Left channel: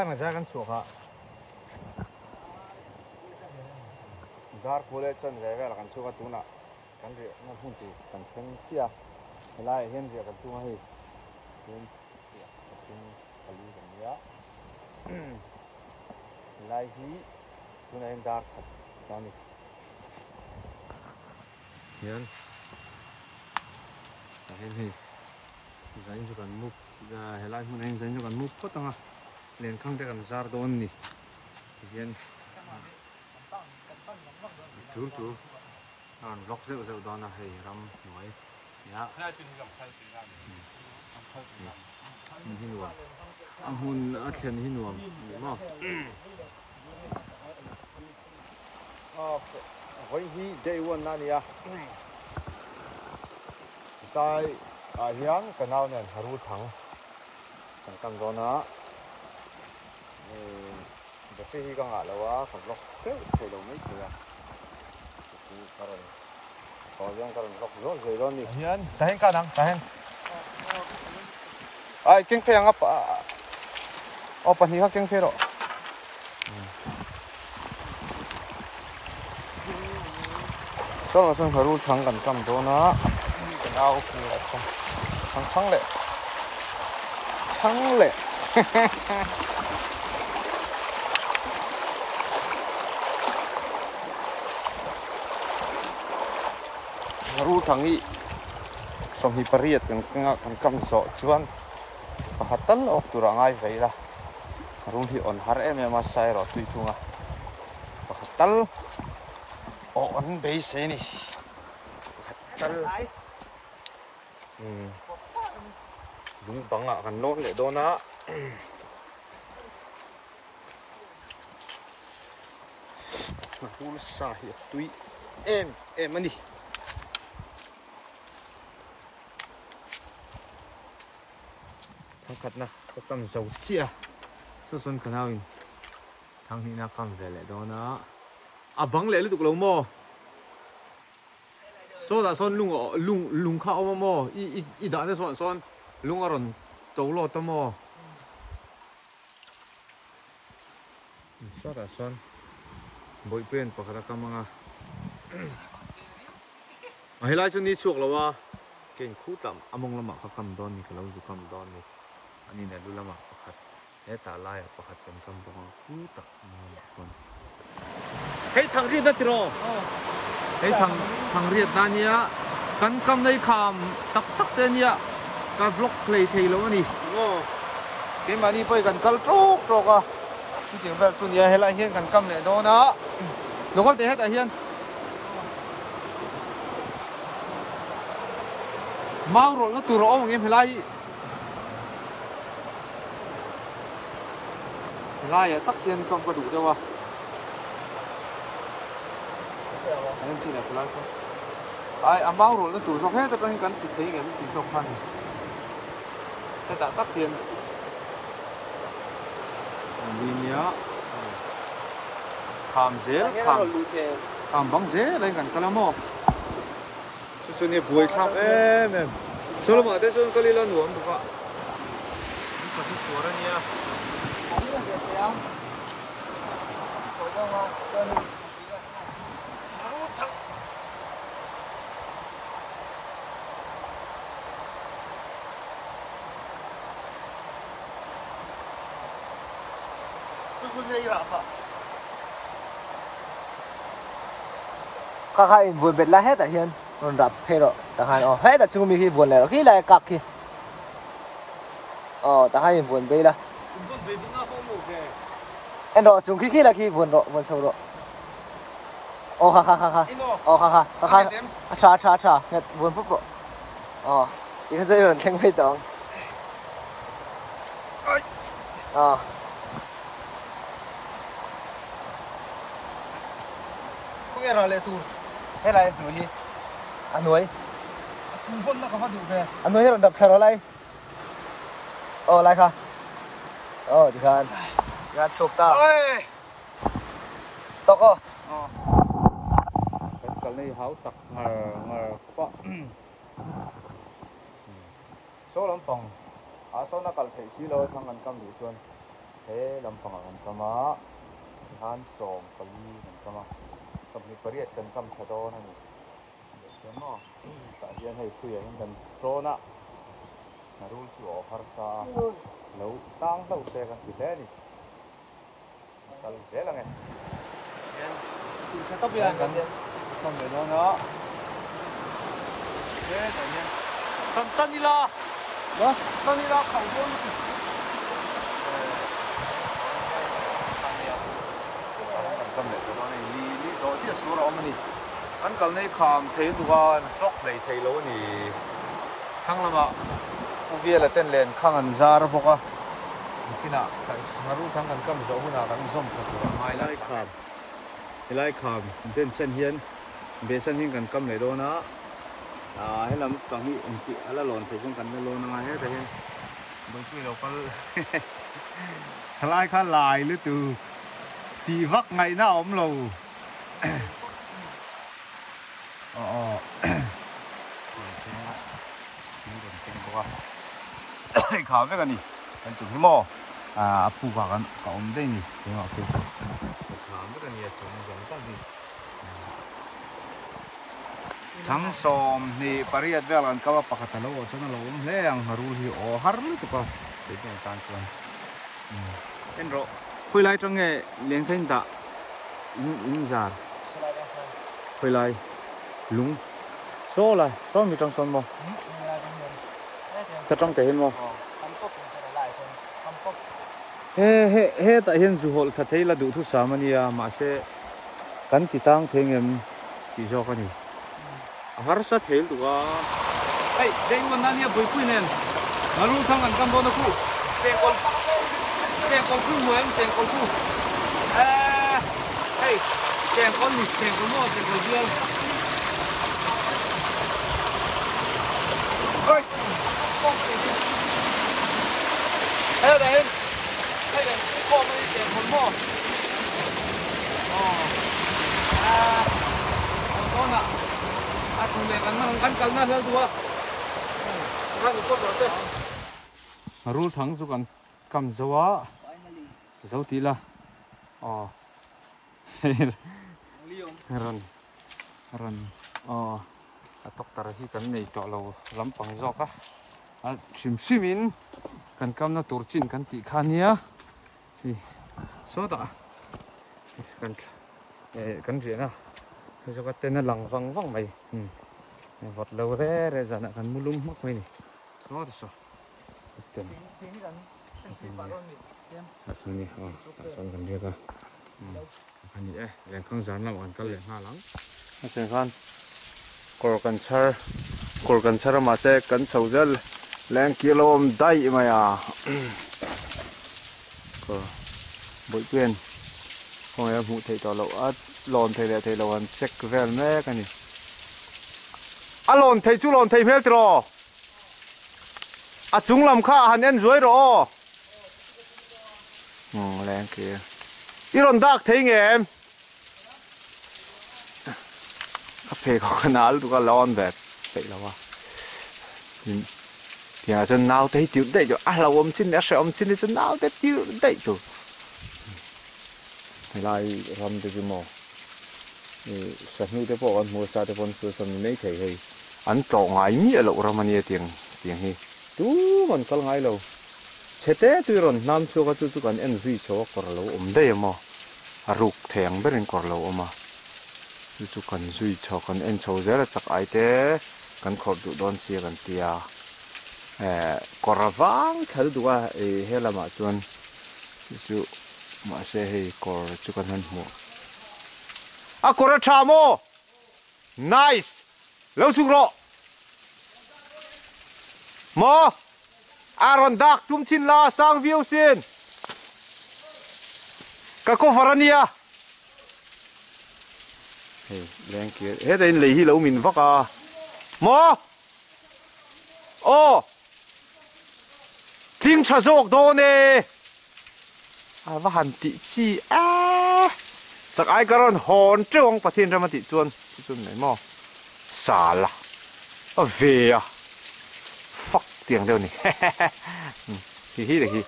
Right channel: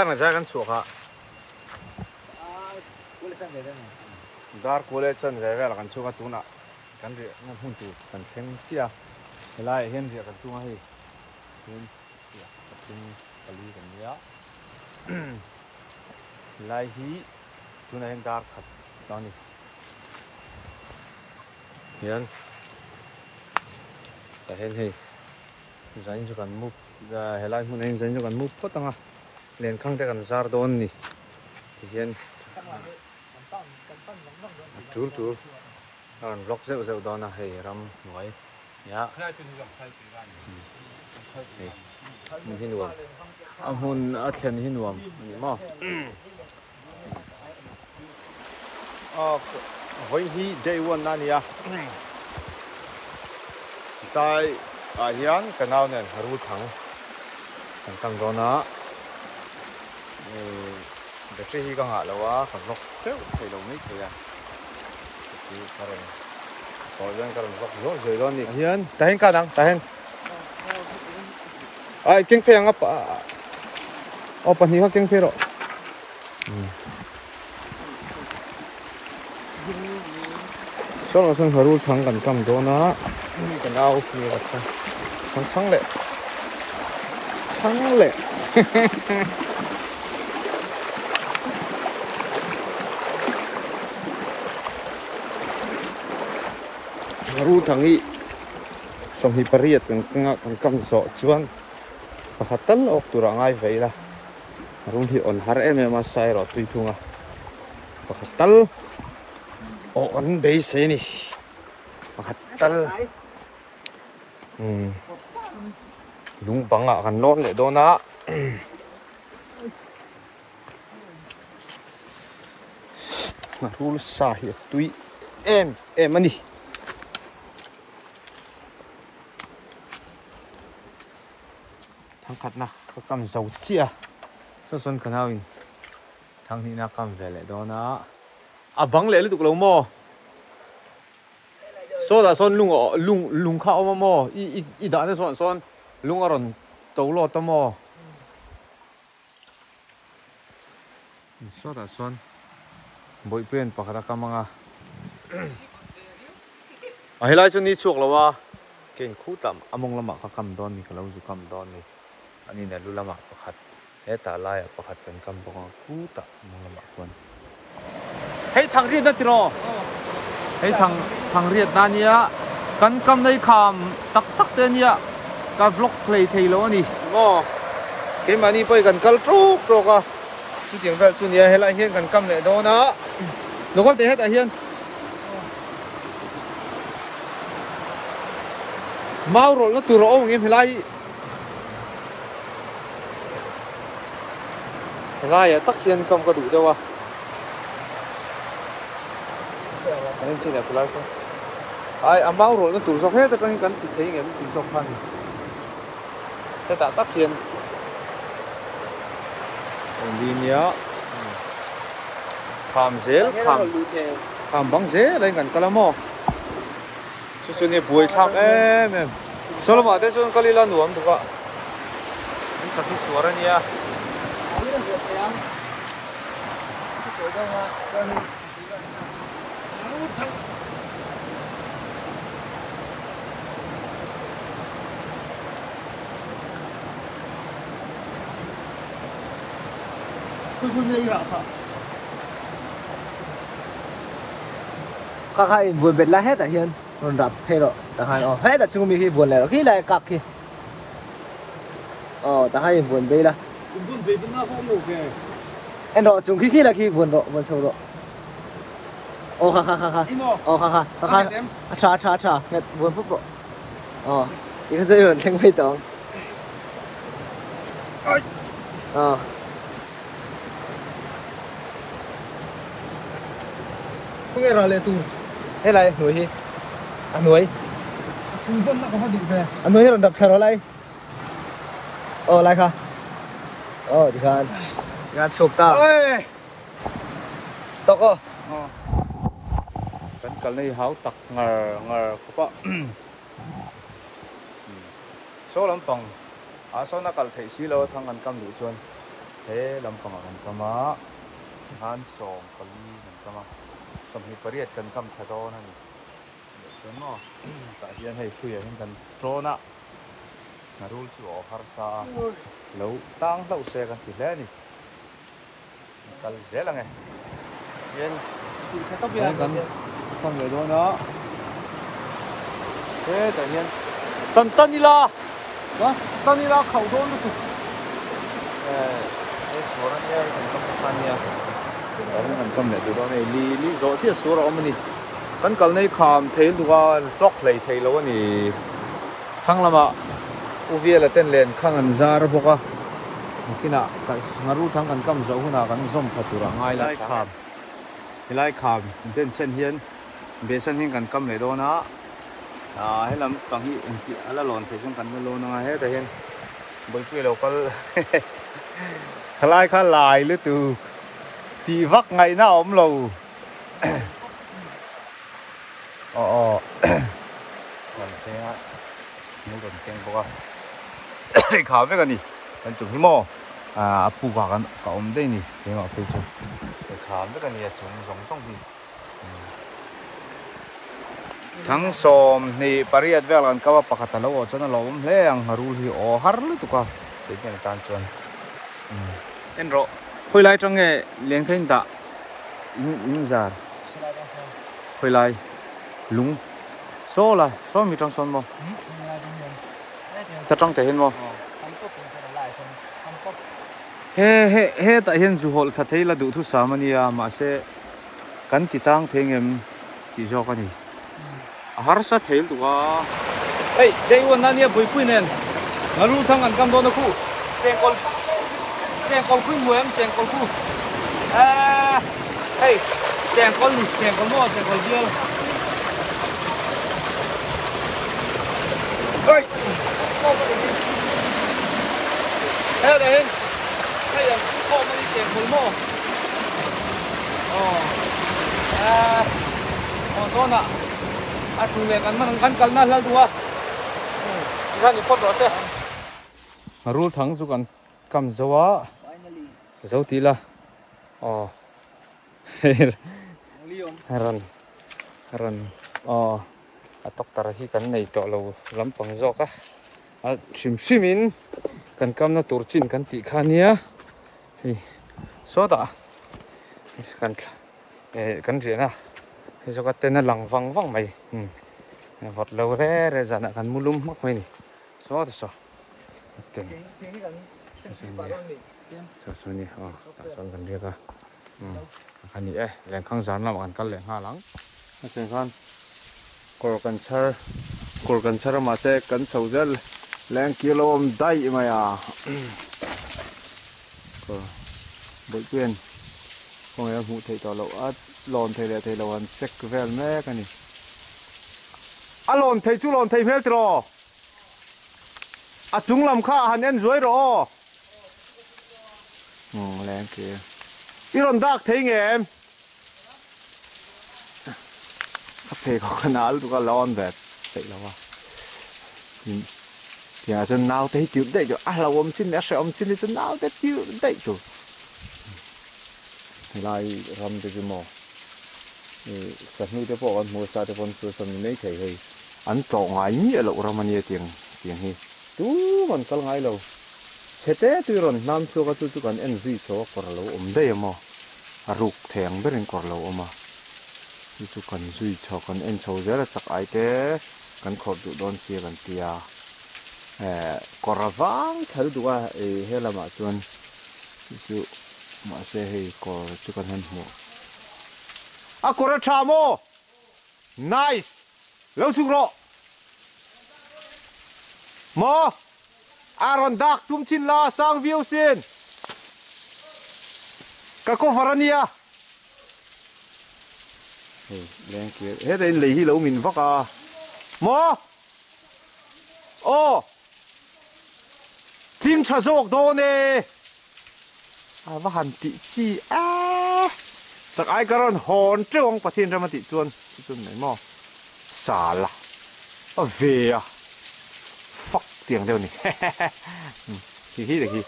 dar na ja kan chu kha dar kule chan ve ve la kan chu ka tu na kan ri na hun tu kan theng chia helai hen ri kan tu nga hi hen ya tin kali kan ya lai hi tu na hen dar khat tani yan ta hen hi zain chu kan mu helai mun hen zain chu kan mu photanga len khang te kan zar don ni hian tur an lok zeu dona hei ram noi ya mun hin nuam am hun a thlen hin nuam ni ma hoi hi day one na nia tai hian kanau nen haru thang kan tam dona battery hi ka nga lawa kan lok teu thei lo mai khoya si karon ko jan karon lok zo zoi don ni hian tahen ka dang tahen ai keng phe anga o pani ha keng phe ro so haru thang kan kam dona kanau ni la chang le haru thangi som hi pariat kan kam zo chuan pakhatal ok tura ngai veila haru hi on har em ma sai ro tui thunga pakhatal o on be se ni pakhatal lung banga kan non le dona na hul sa hi tui em ani khát na có cầm dầu chia số xuân khẩn nào in thằng thì na cầm về lại đó na băng lệ lúc lâu mò số là xuân lung khao mà mò i đã nên xuân lung ở rồi tàu lọt tao mò số là xuân bụi bên bạc ra cầm nga hay là cho ni chuộc là wa cái khu tạm among lama khá cầm đòn ni cái lâu du cầm đòn ni ani na lulama pakhat he ta lai pakhat pen kam bong ku ta ma kon hei thang ri na tiro hei thang riat na nia kan kam nei kham tak te nia ka vlog play thei lo ani mo ke mani poi kan kal trok a chu tiang vel chu nia helai hian kan kam le do na lokal te het a hian mau rol na tur ong em helai helai tak hian kam ka du dewa nên xin là fulai không ai amau rồi nó tủ sọc hết trong cái thì thấy cái tủ sọc phan thế ta tắt hiền đi nhớ kham băng dễ lên gần calamo cho nên buổi kham em số mà thế số cái là nuông được ạ những sao thì số ra nha các hai buồn bệt la hết à hiền còn đập hết rồi cả hai hết là chung mi khi buồn lại khi lại cặc kia cả hai buồn bê là em đó chung khi là khi buồn sâu rồi khá cha mẹ buồn phúc rồi tiếng dây rồi thanh hơi tỏng không nghe rồi lệ tu thế này nuôi hi nuôi chung vốn nó có đủ về nuôi rồi đập thở lại lại kha thì khan gạt chụp ta tóc cái này háo tặc ngờ có số lắm phòng số nó cần thấy xí lô thằng ăn cam đủ chuồn thế làm bằng ăn cam á han sòng kali ăn cam á sầm hi pariat kan cam thà đó này cho nó tại hiện hay suy hiện kan trôn á narul chu har sa lâu tang lâu xe kan ti le ni kal zela nge yen xì xe tóc đấy kan cam về đó nó thế tự nhiên tân đi la khẩu đó nó cái số này kan cam khan nha đấy kan cam này từ đó này li rõ chứ số rồi mà ni kan kal này kham thấy lúa lóc lấy thấy lâu ni thằng làm ạ uvia là tên lên khang an zar boka kina ka ngaru thang kan kam zo huna kan zom thatura ngai la kham ten chen hian be san hin kan kam le do na he lam pang hi ti la lon thu sung kan lo na he ta hen boi pui local khlai kha lai le tu ti vak ngai na om lo còn thế á nó còn keng boka khá với cái này anh chụp hiếm mò phụ cả cả ông đây nè thế mà phải chụp khá với cái này chụp giống xong thì thằng xóm này pariat về là cái bắp cắt lâu cho nó lâu lắm anh harul hi har lu tụ cả thế cái tan chuan anh rồi khơi lại trong nghe liền khen ta in ra khơi lại lúng số là số mi trong sông luôn thật trong thể hiện không he tại hiện dù họ thật thấy là đủ thứ sáu mà sẽ cắn thì tăng thế em chỉ cho con gì har sa thấy đủ à hey đây uốn anh bui bui nên nó luôn thằng ăn cam đó nó cu sen con bui mùi em sen con cu hey sen con lụt sen con mua sen con dưa ơi đây đây đây là kho mang tiền một mô đó nè chủ đề căn na là đùa ra được con đó sao rul thắng chú cần cầm dấu á dấu tí là rần tóc tara hi kan nei to lo lampang zoka shim kan kam na turchin kan ti khania hi soda kan rena hi zoka ten lang wang mai vot lo re zana kan mulum mak mai ni so okay so ni son kan dia ka kan ni leng khang zan lam kan leng ha lang sen kan cor kan char ma se kan chojal leng kilom dai maya ko boi quen không em hụ thầy tỏ lộ lòn thầy lộ ăn check về mẹ cái này lòn thầy chú lòn thầy phép rồi chúng làm khá hẳn em dưới rồi leng kia iron dark thấy nghe em phê có cái nào tụi con lon về vậy là wa thì chân nào thấy chịu đấy cho là ôm chín để sẽ chín thì chân nào thấy chịu đấy cho thì lại làm cái gì mà sản xuất cái bộ ăn mua sa cái con số sản mấy thầy hay ăn trộn ngay mi ở lỗ ra mà nhiều tiền hi tú còn có ngay lâu thế thế tuy rồi nam số cái chú còn ăn gì cho còn lâu đây mà rục thèn bên còn lâu mà chú cần duy cho con em cháu rất là chắc ai thế cần khổ đủ đón xe cần tia cỏ vàng thấy đủ à hay là mà chuan chú mà xe hay cỏ chú cần hơn mua cỏ trà mô nice lâu xuống rồi mô Aaron Dark tum chin la sang view xin các cô Varania lên kia hết đây lấy hi lâu mình vác à mò tiếng chả rộp đó nè và hẳn tị chi chắc ai cả rồi hòn chứ ông bắt thiên ra mà tị chuan này mò xả là về fuck tiếng đâu nè hi được hi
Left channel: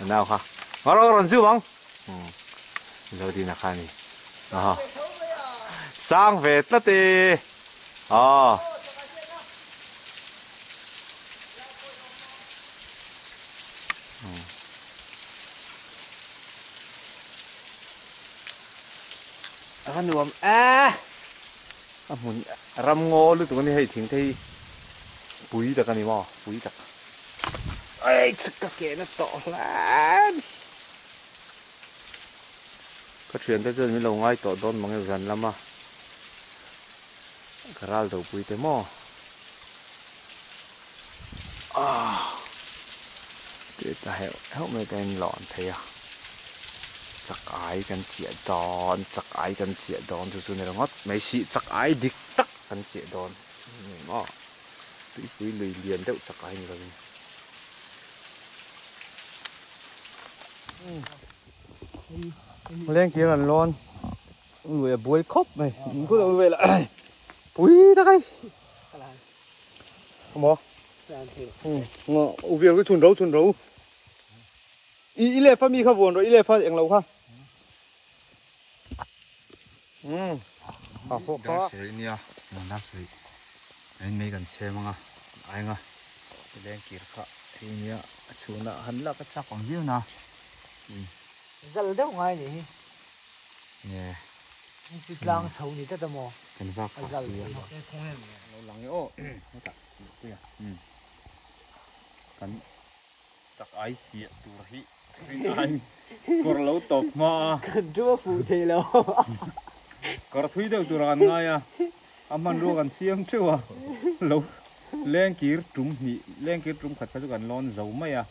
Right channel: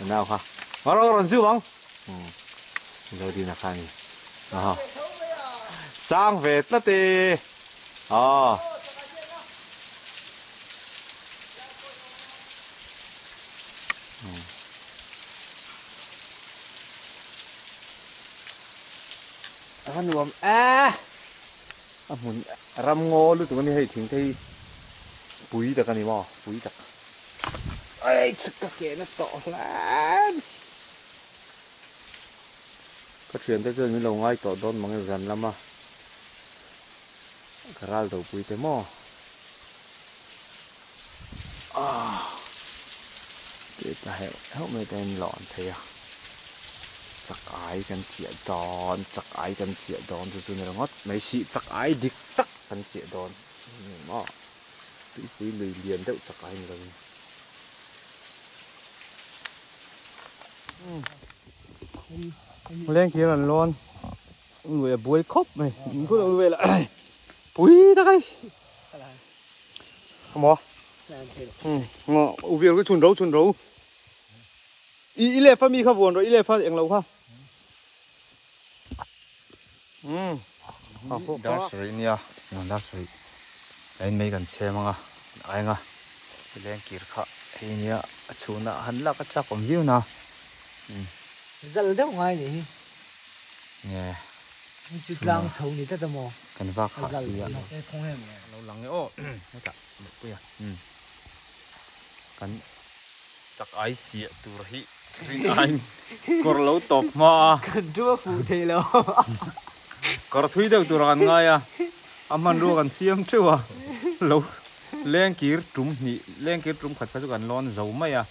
nào ha Ngaro ron siêu bang. Rồi đi nè khai nè. Sang về tất đi. Anh nuông muốn ram ngô lúc tụi này hay thỉnh thấy bùi đặc anh mà bùi đặc. Ai chắc cái kia nó to lắm. Cái chuyện tới giờ mình lâu ngay to đón mang dần lắm mà. Cái rau đầu bùi thế mà. Để ta hiểu mấy tên lọn thế à. Chắc ai cần chia đòn, chắc ai cần chia đòn cho này là ngót mấy sĩ chắc ai địch tắc cần chia đòn. Mà tụi lười liền đâu chắc ai nữa. Lên kia là lon. Người bùi khóc này, cứ đâu về lại. Bùi đây. Không bỏ. Mà việc cái chuồn rấu. Ý lệ phát mi khá buồn rồi, ý lệ phát anh lâu khá. Đá sợi nha, đá sợi. Anh mấy gần xe mà ai ngà. Lên kia khá, thì nha, chú nè, hắn là cái chắc còn view nè. Dần đâu ngay nhỉ? Nè. Chỉ lang chầu nhỉ tất mò. Cần vác khá xí à. Cái không hề mà. Lâu lắng ấy ô. Hết cả, một bữa à. Cần chắc ai chia tù rồi. Anh còn lâu tộc mà. Cần chúa phụ thế lâu. Còn thui đâu tù rồi ngay à. Aman ro kan siam chu à. Lâu lên kia trúng khát phải gần lon dầu mày à.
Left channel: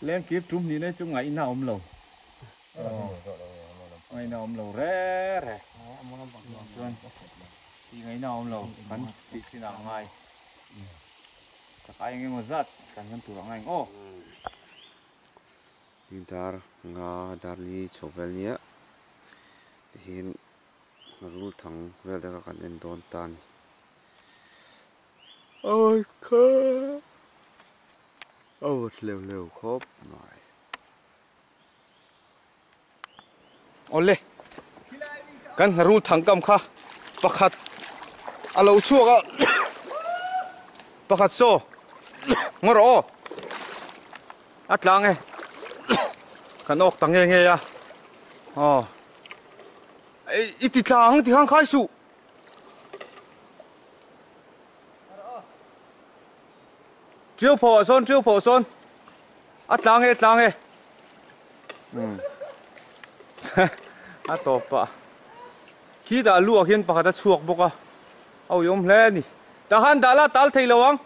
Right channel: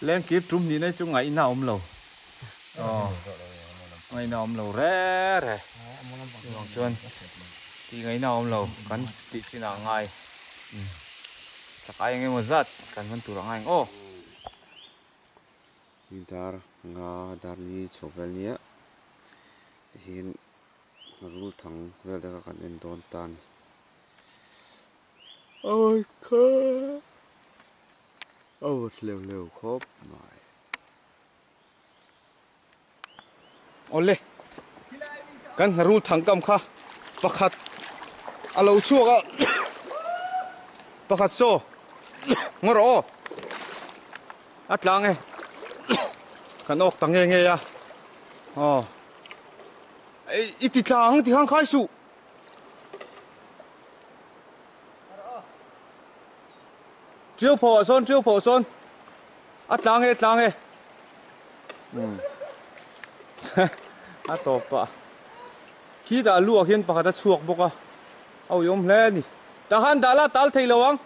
Lên kia trúng ni này chung ngày nào om lâu. Ngày nào om lâu rẻ. Vâng xuân. Thì ngày nào om lâu kan bị xin nào ngay. Chắc ai nghe một giật kan vẫn tù rồi ngay. Ô. Dar nga dar ni chovel nia hin rul thang vel da kan en don tan ôi khá ôi leo khóc này Ole kan rul thang kam kha pakhat alo chuaka pakhat so ngoro atlang e kan ok tang nghe ya iti tlang ti hang khai su triêu phò son atlang e atopa khi đã lùa hiền pakhat đã chuak boka au yom hle ni ta han dala tal thei lawang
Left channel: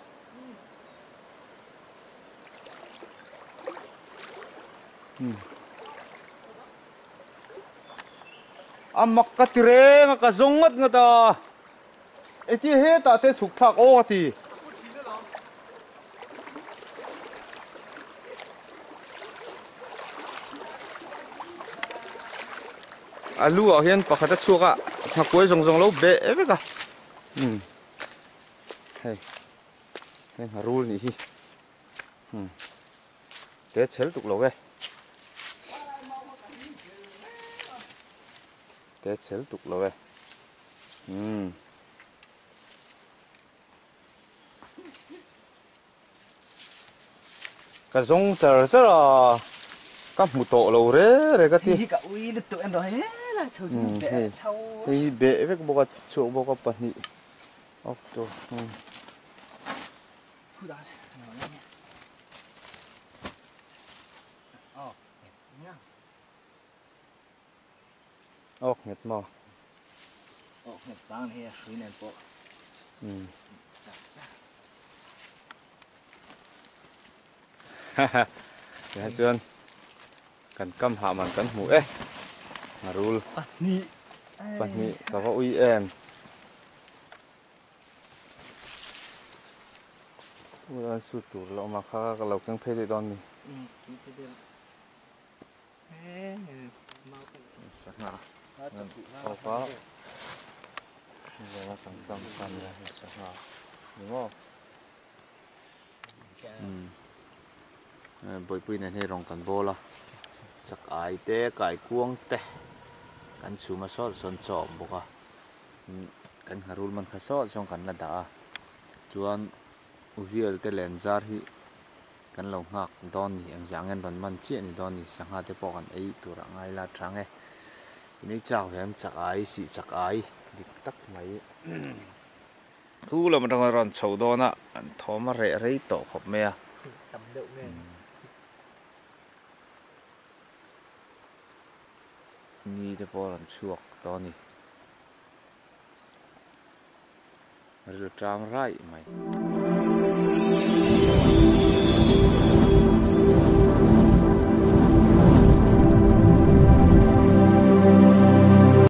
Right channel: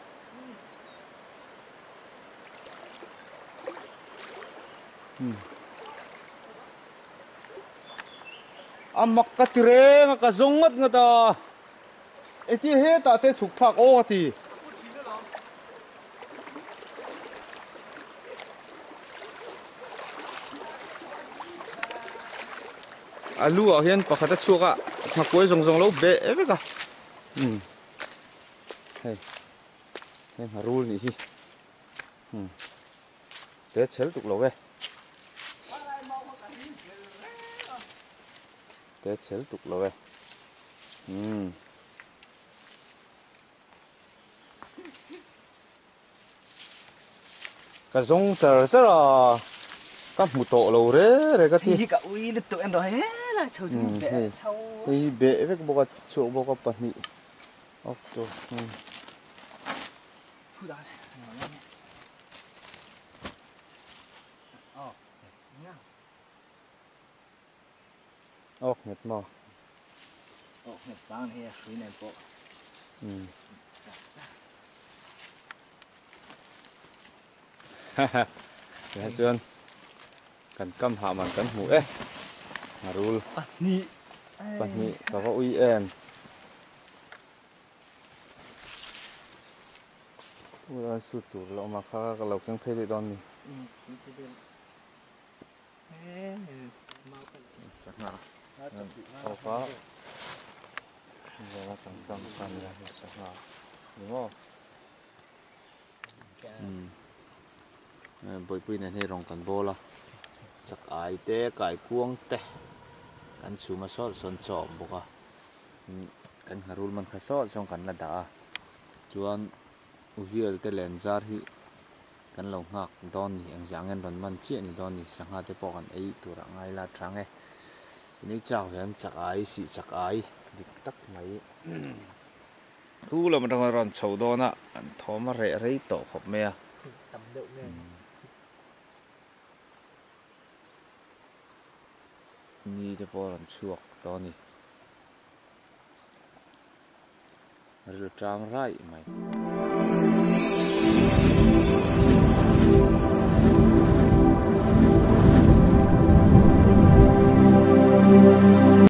amak ka tireng ka zongat nga ta eti he ta te suk thak o ti alu a hian pakhat a chuaka thakoi zong lo be eveka hei hen harul ni hi te chel tuk lo ve te chel tuk lo ve ka zong char à ka mu to lo re ka ti Thì cả uy được tụi em rồi hết là chầu chung bẹ chầu. thì be ve boka chu boka pani ok to Thu đá xí. Nhá. ok net ma Này bán hè suy này bộ. Dạ. ya chuan kan kam ha man kan mu e harul pani ka va ui em ula su tur lo ma kha ka lo keng phei don ni sakna sofa giờ tam ya sakna đúng không bồi này hay rong cần bô la chak ai te kai kuang te kan chuma sot son chaw boka kan harul man kha sot song kan la da chuan uvial te lenzar hi kan lo ngak don ni ang jangen ban man chi ni don ni sangha te pawh kan ei tura ngai la thange ini chaw hem chak ai si chak ai dik tak mai thu lam rang ron chho dona an thoma re rei to khop me a tầm đậu nghe ni te pawh ran chuak to ni ril tang rai mai